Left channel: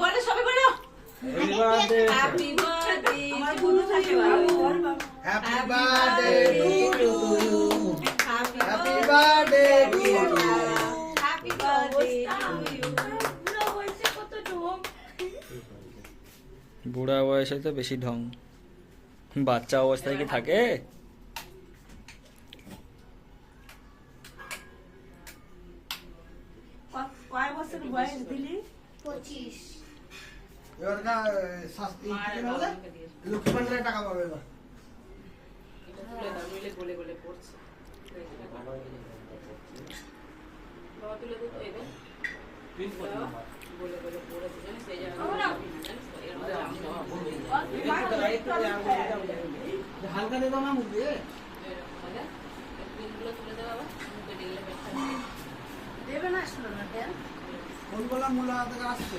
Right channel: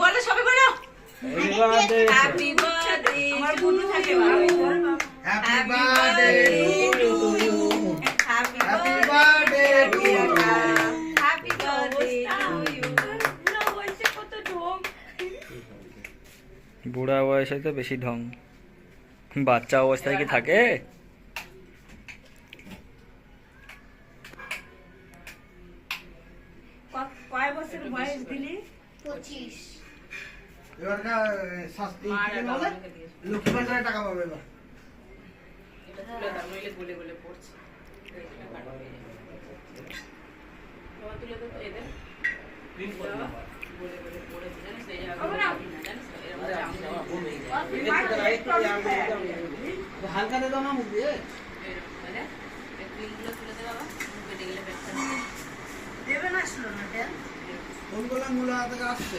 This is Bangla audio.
বলো সবাই বলো হ্যাপি বার্থডে আমার বুনু থাকে happy birthday to you happy birthday to you happy birthday to you না হইছে কত ঢং বুড়া বয়সে তো বেশি ঢং বাচ্চা অবস্থায় কি থাকে কয় বছর বয়স দিলি 25 এবার না শাস্তি কি বলে লক্ষ্মী ভান্ডারের টাকা পাবে এবার এটা তুলে দাও নইলে গলে গলে পড়ছে বাবা তুলে দাও তো এদের গলে গলে পড়ে জানেন সেই জায়গা হালকা দে দাও না মুখ দিয়ে মানে ক্লিনগুলো তুলে দাও বাবা মুখে দিলে ব্যাপার দেবে না শুনো না দেন কোনগুলো মূলা থেকে আসছে